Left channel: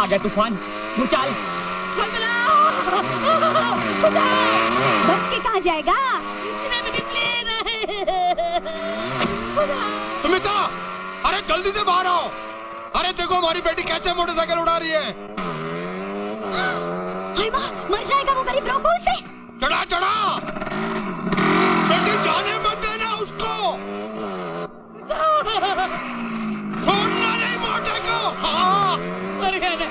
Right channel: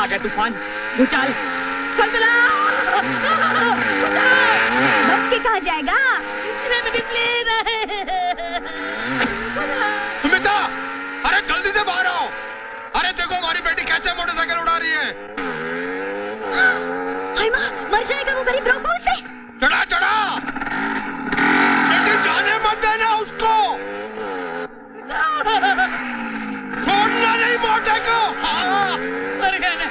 आ गया तूफान, भूचाल, बच के कहाँ जाएगा? सुमिता, अरे जल्दी से बाहर आओ। अरे देखो हमारी बेटी कैसे मोटरसाइकिल उड़ा रही है। हाय माँ, मर जाएगा वो गरीब, रोको उसे। चढ़ा चढ़ा, बेटी जाने मत देना उसको, छोड़ना नहीं मोटे को। हाँ। मर गया ना।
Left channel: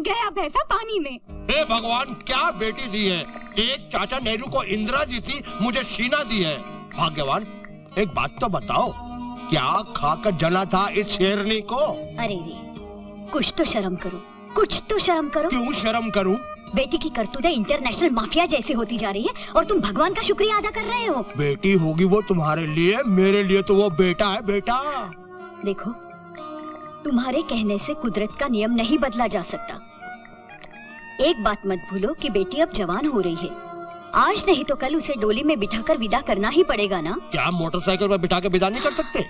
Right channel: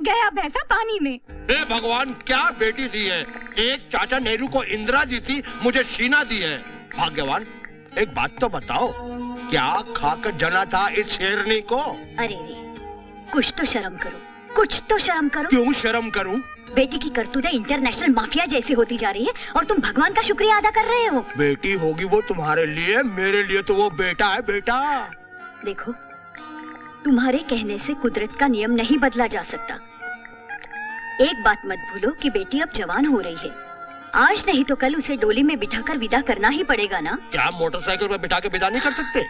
गया भैंसा पानी में। हे भगवान, क्या बेटी दी है। एक चाचा नेहरू को इंदिरा जी थी, मुझे शीना दी है। भाग्यवान, एक बात तो बताओ, क्या खाकर जना था इस शेरनी को? अरे रे, कुछ तो शर्म करो, कुछ तो शर्म करो। क्यों शर्म करूं? बेटी की करतूतें इंटरनेशनल माफिया जैसी होती जा रही है और तुम भगवान का शुक्रिया अदा कर रहे हो। बेटी होगी वो तुम्हारे लिए, मेरे लिए तो वो बेटा है। बेटा देखो, तुम्हारे कहने से कुदरत का नियम नहीं बदला जा सकता। एक बात मत भूलो कि बेटी अब जवान हो रही है। आज नहीं तो कल उसे डोली में बिठाकर विदा करना ही पड़ेगा ना। क्या मोटरसाइकिल पर बिठा के विदा नहीं कर सकते?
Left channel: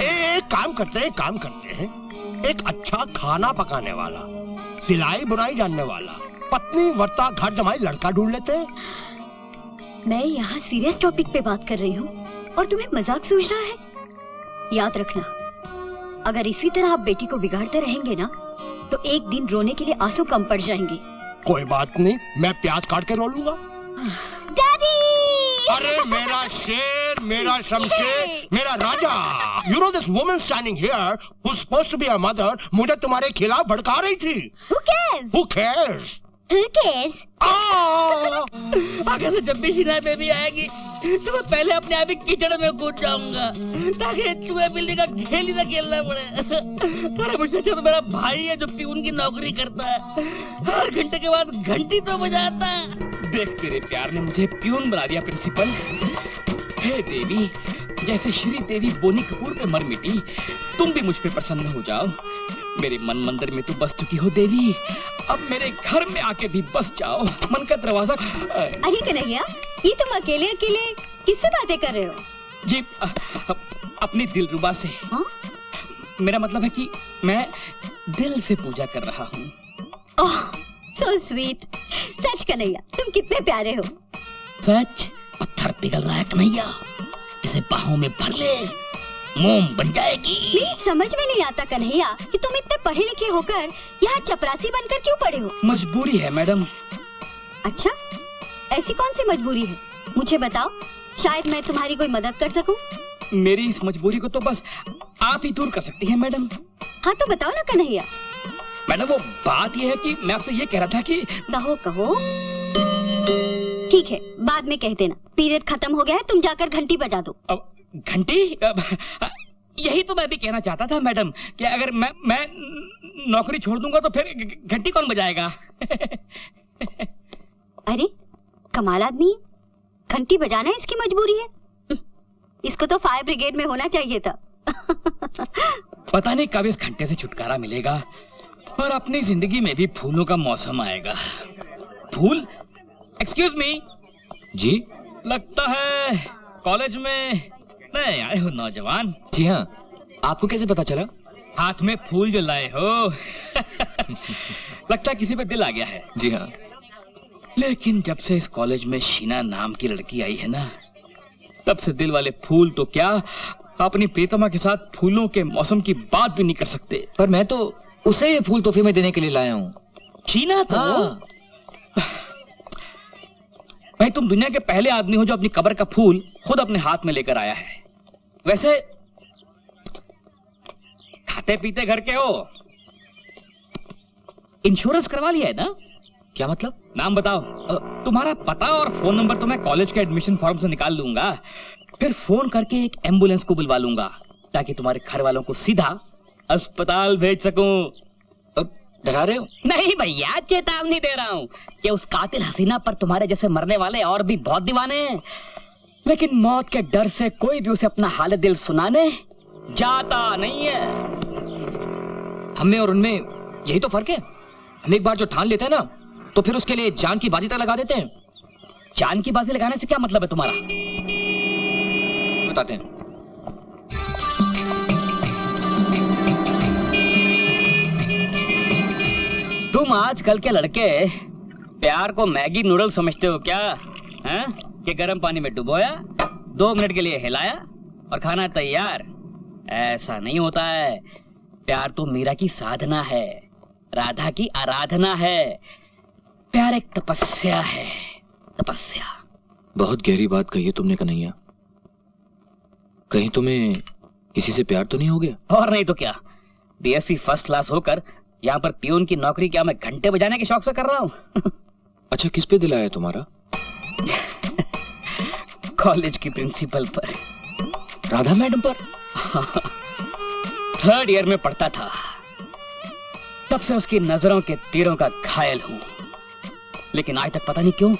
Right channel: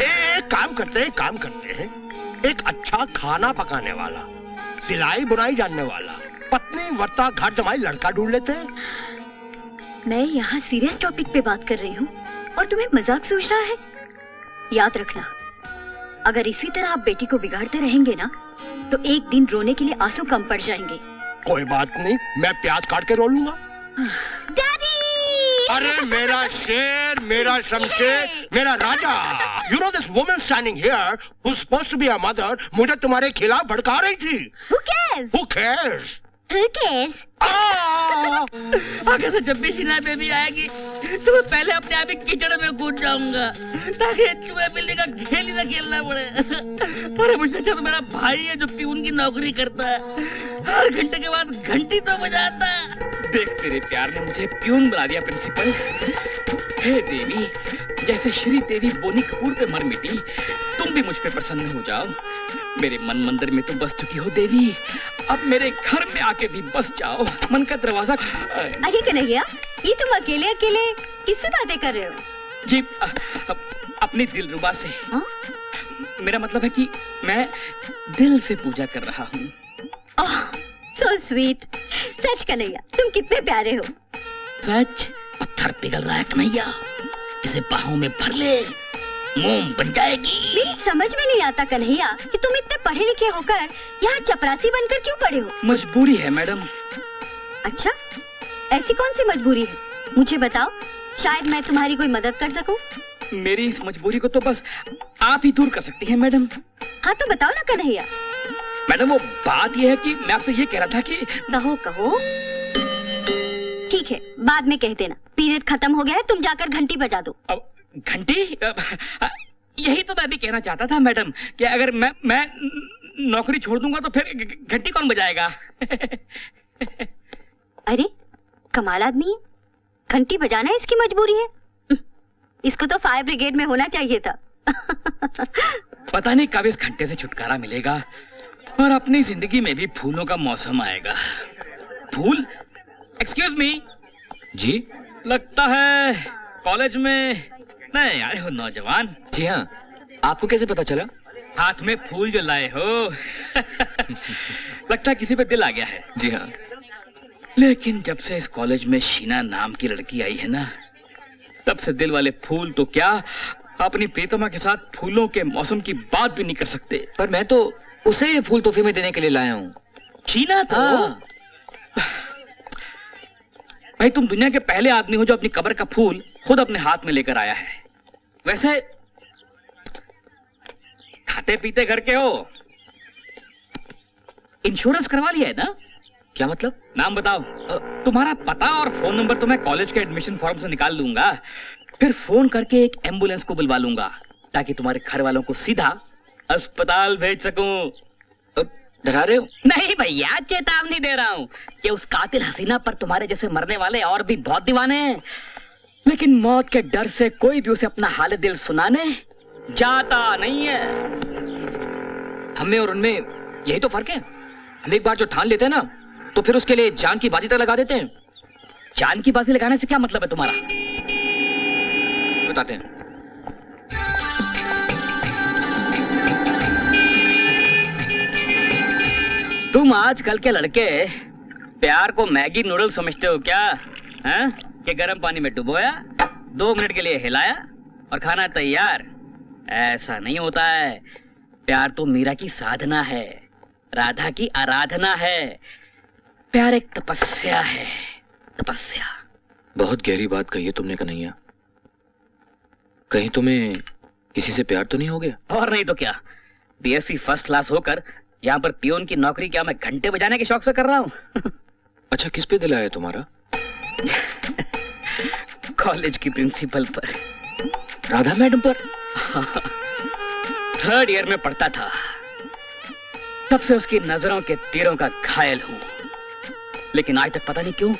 एक काम करते हैं, एक अच्छा खाना पकाने वाला, सिलाई बुनाई जानने वाला, पत्नी वर्ता घर जमाई लड़का ढूंढ लेते हैं। मैं यहाँ सीरियस टॉपिक पे बात कर रही हूँ और तुम्हें मजाक सूझ रहा है। याद रखना, अगर इसी तरह आप बेटी को बिगाड़ते रहेंगे ना, तो एक दिन रोने के लिए आंसू कम पड़ जाएंगे। कोई बात नहीं, मैं प्याज काट के रो लूंगा। डैडी! अरे मेरा शेर, मेरा शमशेर, मेरा राजा। You know this woman standing here who's supposed to be a mother, मुझे तुम्हारे खिलाफ भड़का रही थी। Who cares? Who cares? Who cares? आगे से जब भी शीना बेबी आएगी तो मैं पहले अपने आप ही कीचड़ में कूद जाऊंगा ताकि चूहे बिल्ली का खेल ही ना खेलना पड़े। अरे मुझसे अच्छा तो मेरा भाई है जो प्यून की नौकरी करता है, हर घंटे के बाद घंटी तो बजाता है। देख, तेरे प्यार ने मुझे प्यून बना दिया प्रिंसिपल। हे देवी, जैसे श्री देवी बोनी कपूर पे मर मिटी, तुम भी मुझ पे प्रसन्न हो जाओ। मेरे मन मंदिर में तुम बस चुकी हो देवी, अब मेरे घर में आके भी बस जाओ। मन का दरवाजा। अरे कन्हैया, ये तुम अकेले अकेले किससे बातें कर रहे हो? जी, अपनी दिलरुबा से। हाँ? मेरा मतलब है कि मैं दिल से पूजा कर रहा हूँ। ओह, so sweet। सच कन्हैया, तुम कितने प्यारे हो। सच? पत्थर पिघल रहा है कन्हैया, इसे बाहों में भर ले, मोम बन जाएगी। मेरी समझ में नहीं आता कन्हैया कि तुम इतने पढ़े लिखे होकर यहाँ चपरासी बनकर क्यों पड़े हो? मजबूरी है मैडम। अच्छा, ऐसी कौन सी मजबूरी है? मुझे बताओ, शायद मैं तुम्हारी कोई मदद कर सकूं। मेरी इस मजबूरी को तो बस आप ही दूर कर सकती हैं मैडम। हाँ तो बताओ ना कन्हैया। मैडम, वो बात ये है कि मैं आपसे ये कह रहा था कि। कहो कहो। ठीक है, बाद में कह देना। पीरियड खत्म हो गया है, तुम जाकर घंटी बजा दो। अब घंटी? यही तो मैं भी कहना चाहता था मैडम कि अगर मैं नौकरी छोड़ दूंगा तो फिर घंटी कौन बजाएगा? अरे कमाल आदमी है, घंटी बजाना इसकी मजबूरी है। इसको तो फायर ब्रिगेड में होना चाहिए था। पता नहीं कब इस घंटे से छुटकारा मिलेगा और अपनी जिंदगी में भी फूलों का मौसम आएगा। फूल? एक्सक्यूज मी जी, लगता है कॉलेज में नए आए हो नौजवान। जी हाँ, आपको कैसे पता चला? हाथ में फूल जो लाए हो। लगता है किसी पे दिल आ गया है। जी हाँ। लेकिन जब से इस कॉलेज में शीना नाम की लड़की आई है ना, तब से दिल वाले फूल तो क्या, अपनी प्रीतमा के साथ फूलों के मौसम की बात भी नहीं कर सकते। पर मैं तो उसे ये फूल तोहफे में देने के लिए लाया हूँ। शीना तो? हाँ। भाई, तुम दुनिया के पहले आदमी हो जो अपनी कब्र का फूल खुद अपने हाथ में लेकर आया है। वैसे खाते पीते घर के हो, इंश्योरेंस करवा लिया है ना? क्या मतलब? नाम बताओ। तुम्हारा पता और फोन नंबर तो मैं कॉलेज के एडमिशन फॉर्म से निकाल लूंगा, फिर फोन करके एक एम्बुलेंस को बुलवा लूंगा ताकि तुम्हारे घर वालों को सीधा अस्पताल भेज सकूं। डरा रहे हो? नहीं भैया, चेतावनी दे रहा हूं कि उस कातिल हसीना पर तुम्हारे जैसे मरने वाले और भी बहुत दीवाने हैं, लेकिन मौत के डर से कोई भी उसे अपना हाल दिल सुनाने जाता नहीं है। हमें और उनमें यही तो फर्क है। हम एक बार जो ठान लेते हैं ना, तो फिर उसके लिए जान की बाजी तक लगा देते हैं। जान की बाजी लगाने से क्या मतलब है तुम्हारा? बताते हैं। तुम आजकल के लड़के प्यार को मैगी नूडल समझते हो क्या? हैं? कि गर्म पानी में डुबोया, 2 मिनट के लिए हिलाया और खाना तैयार। ऐसा नहीं होता है। प्यार तो मीरा की साधना है, राधा की आराधना है। प्यार एक तपस्या है, तपस्या। बहुत गहरी बात कही है तुमने कन्हैया। कहीं तुम्हें किसी से प्यार तो नहीं हो गया? और नहीं तो क्या, बीएससी फर्स्ट क्लास होकर यहाँ पर पियून की नौकरी क्या मैं घंटे बजाने के शौक से कर रहा हूँ। अच्छा, किस पे दिल आया तुम्हारा? कॉलेज की प्रिंसिपल पर। राधा मैडम पर? 3rd ईयर में पढ़ता था, तब से उसकी नजरों के तीरों का घायल हूँ। लेकिन आज तक पता नहीं क्यों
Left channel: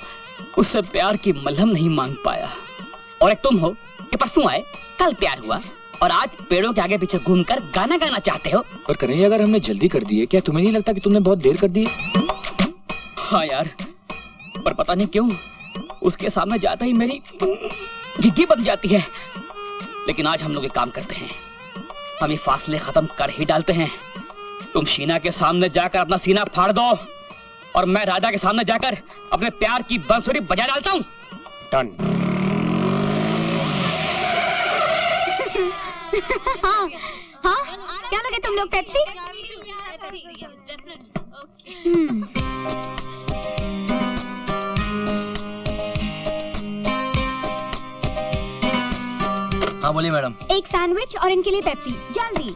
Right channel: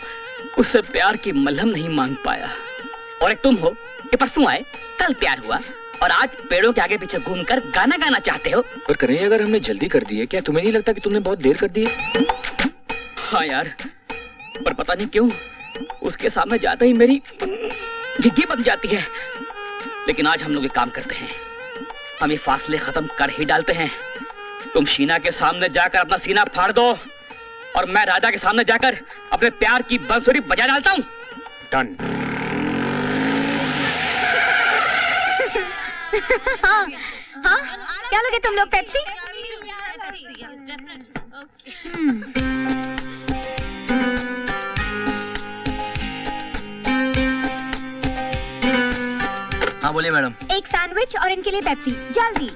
उससे प्यार की मलहम नहीं मांग पाया। और एक तुम हो कि परसों आए, कल प्यार हुआ और आज पेड़ों के आगे पीछे घूमकर गाना गाना चाहते हो। पर कन्हैया, अगर हमने जल्दी कर दी है, क्या तुम्हें नहीं लगता कि तुमने बहुत देर कर दी है? हाँ यार, पर पता नहीं क्यों उसके सामने जाते ही मेरी झिग्गी बन जाती है। लेकिन आज हम लोग एक काम करते हैं, हम ये फासले खत्म कर ही डालते हैं। तुम शीना के सामने जाकर अपना सीना फाड़ दो और मैं राधा के सामने जाकर अपने प्यार की बंसुरी बजा डालता हूँ। डन। हाँ, हाँ, क्या लोगे तुम लोग? पेप्सी? हाँ बोलिए मैडम। एक सैंडविच और इनके लिए पेप्सी, जल्दी।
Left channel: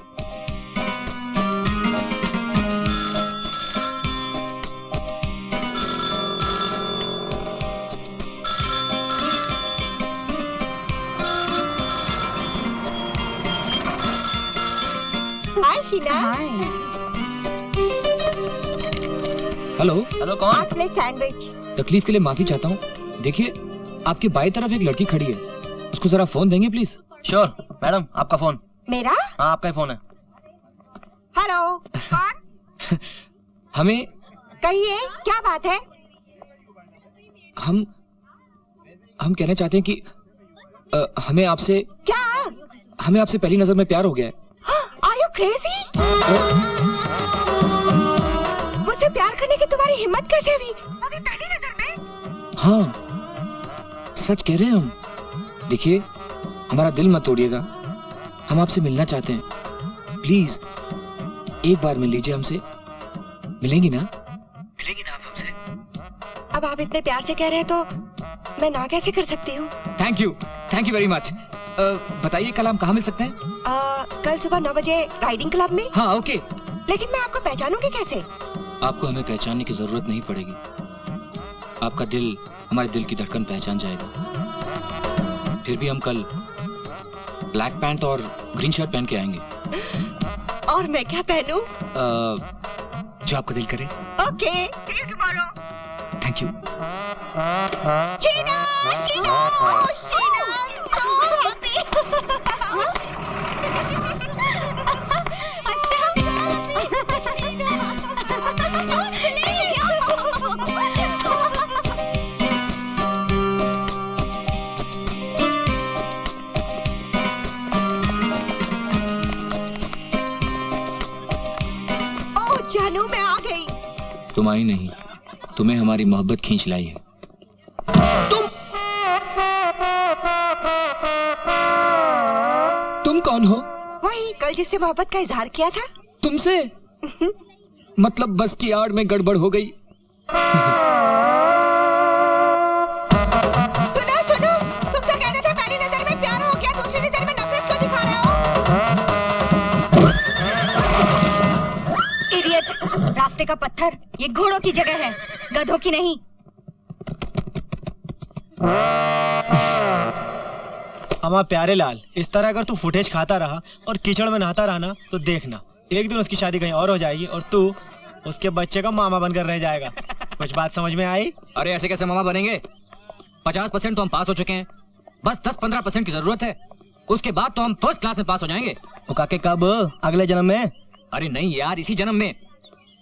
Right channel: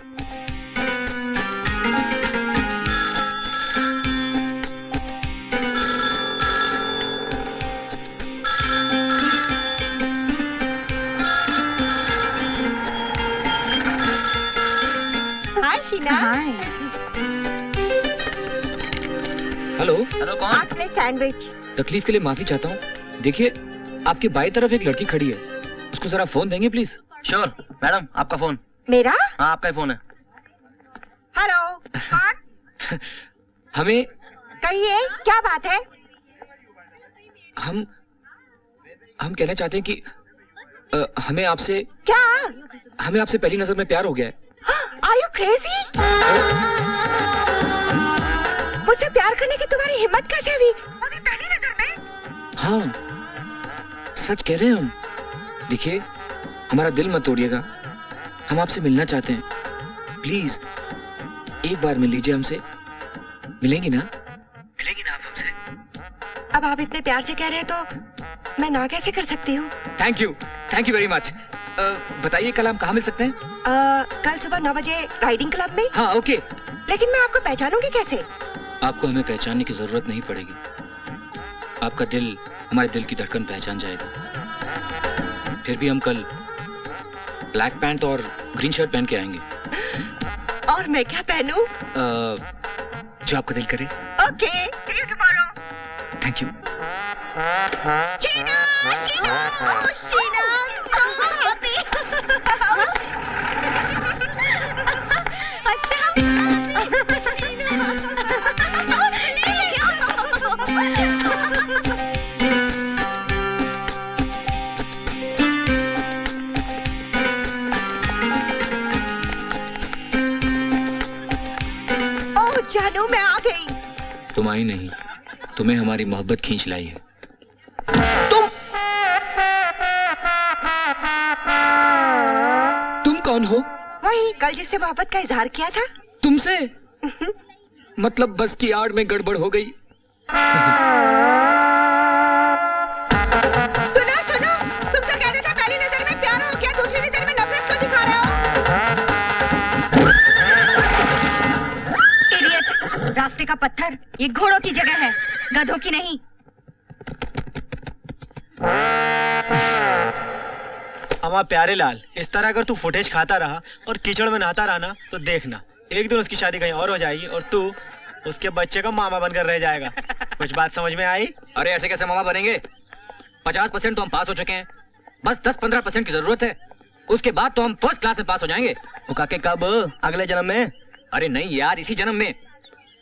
हाय शीना। हाय। हेलो। हेलो, कौन? आप ले सैंडविच। तकलीफ के लिए माफी चाहता हूँ। देखिए, आपके बाई तरफ एक लड़की खड़ी है, उसको जरा फोन देंगे प्लीज? श्योर मैडम, आपका फोन। मेरा? हाँ, आपका ही फोन है। हेलो, कौन? हमें कहिए, क्या बात है? हम कहना चाहते हैं कि हमें आपसे पहली नजर में प्यार हो गया है। Are you crazy? मुझसे प्यार करने की तुम्हारी हिम्मत कैसे हुई? अभी पहली नजर में? हाँ, सच कह रहे हैं हम। देखिए, हमारा दिल मत तोड़िएगा, हम आपसे मिलना चाहते हैं। प्लीज एक बार मिल लीजिए हमसे। मिलेंगी ना? मिलेंगी ना आप हमसे? अब आप इतने प्यार से कह रहे हैं तो मैं ना कैसे कर सकती हूँ? Thank you very much. बताइए, कल हम कहाँ मिल सकते हैं? कल सुबह 9 बजे राइडिंग क्लब में। हाँ, ओके। लेकिन मैं आपको पहचानूंगी कैसे? आपको हमें पहचानने की जरूरत नहीं पड़ेगी। आपका दिल हमारे दिल की धड़कन पहचान जाएगा। फिर भी हम कल ब्लैक पैंट और ग्रीन शर्ट पहन के आएंगे। और मैं क्या पहनूं? जो आपका दिल करे। Okay, see you tomorrow. Thank you. Sheena, Sheena, Sheena, I'm so happy. ओह जानू, मैं आ गई। तुम आई नहीं, तुम्हें हमारी मोहब्बत खींच लाई है। तुम कौन हो? वही कल जिससे मोहब्बत का इजहार किया था। तुमसे? मतलब बस की आड़ में गड़बड़ हो गई। सुनो सुनो, तुम तो कहते थे पहली नजर में प्यार हो गया, दूसरी नजर में नफरत क्यों दिखा रहे हो? इडियट, रास्ते का पत्थर, ये घोड़ों की जगह है, गधों की नहीं। हमारा प्यारे लाल, इस तरह अगर तू फुटेज खाता रहा और कीचड़ में नहाता रहा ना, तो देखना एक दिन उसकी शादी कहीं और हो जाएगी और तू उसके बच्चे का मामा बनकर रह जाएगा। कुछ बात समझ में आई? अरे ऐसे कैसे मामा बनेंगे? 50% तो हम पास हो चुके हैं, बस 10-15% की जरूरत है। उसके बाद तो हम फर्स्ट क्लास में पास हो जाएंगे। वो काके कब? अगले जन्म में? अरे नहीं यार, इसी जन्म में।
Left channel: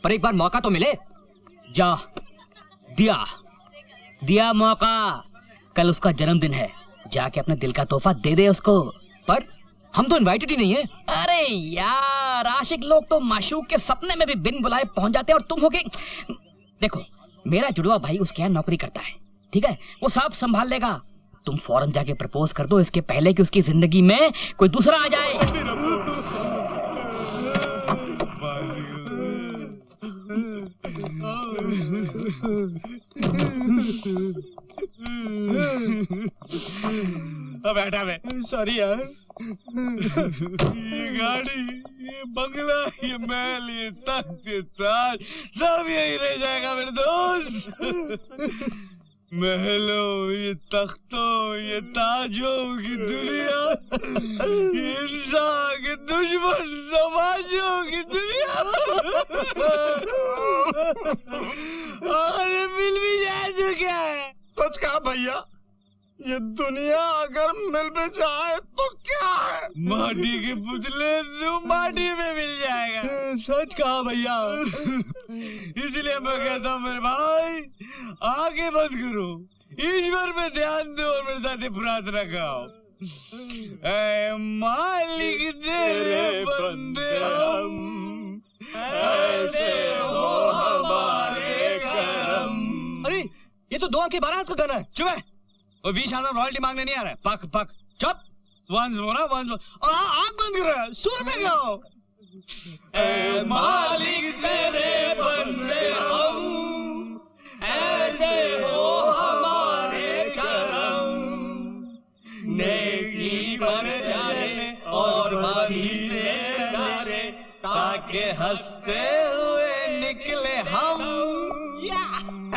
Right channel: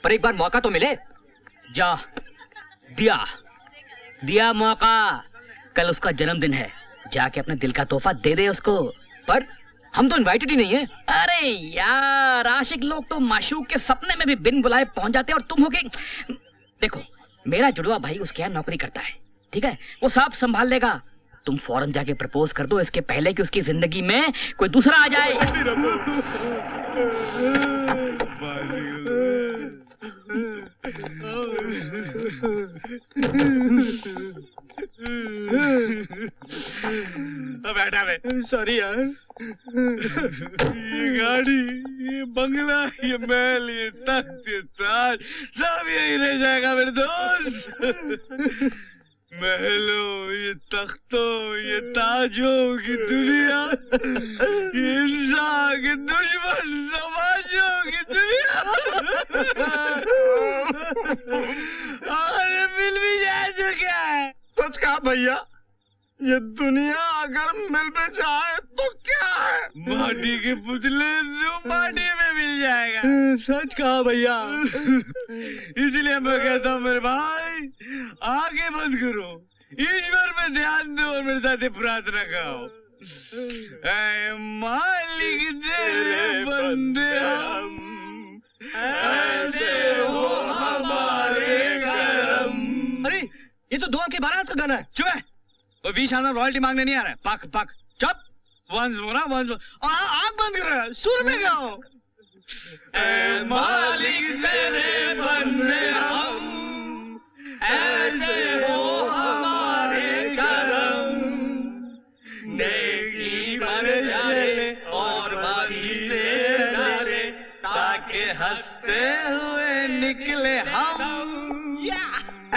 पर एक बार मौका तो मिले। जा, दिया मौका। कल उसका जन्मदिन है, जाके अपने दिल का तोहफा दे दे उसको। पर हम तो इनवाइटेड ही नहीं है। अरे यार, आशिक लोग तो माशूक के सपने में भी बिन बुलाए पहुंच जाते हैं, और तुम हो के। देखो, मेरा जुड़वा भाई उसके यहाँ नौकरी करता है, ठीक है, वो सब संभाल लेगा। तुम फौरन जाके प्रपोज कर दो, इसके पहले कि उसकी जिंदगी में कोई दूसरा आ जाए। बैठा मैं, सॉरी यार। ये गाड़ी, ये बंगला, ये महल, ये तख्त, ये ताज, सब यही रह जाएगा मेरे दोस्त। महलों, ये तख्तों, ये ताजों की दुनिया, ये इंसान के दुश्मन समाजों की दुनिया। अरे मिल भी जाए तो क्या है? सच कहा भैया, ये दुनिया अगर मिल भी जाए तो क्या है? माटी के पुतले तो माटी में मिल जाएगा। सच कहा भैया। इसलिए मैं कहता हूँ मेरे भाई, आगे बंद करो, ईश्वर पे ध्यान दो और मेरे साथ प्रार्थना गाओ। ऐ मालिक तेरे बंदे हम, ऐसे हो हमारे करम। अरे ये तो 2 अंक के 12 का गाना है। चुप है, वो बीच आना रॉयल्टी मांगने नहीं आ रहा है। पक पक चुप। वंस बोला, वंस बोला, आँख बंद करो, सुर में गाओ। ऐ मालिक तेरे बंदे हम, ऐसे हो हमारे करम। नेकी बन जाए और मरी से डरे, ताकि हंसते हुए निकले हम। ऐ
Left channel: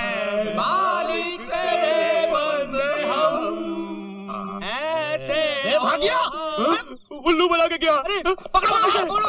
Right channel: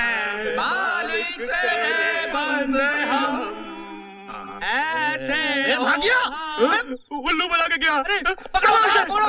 मालिक तेरे बंदे हम, ऐसे। भागिया, उल्लू बना के क्या? अरे पकड़ो, पकड़ो।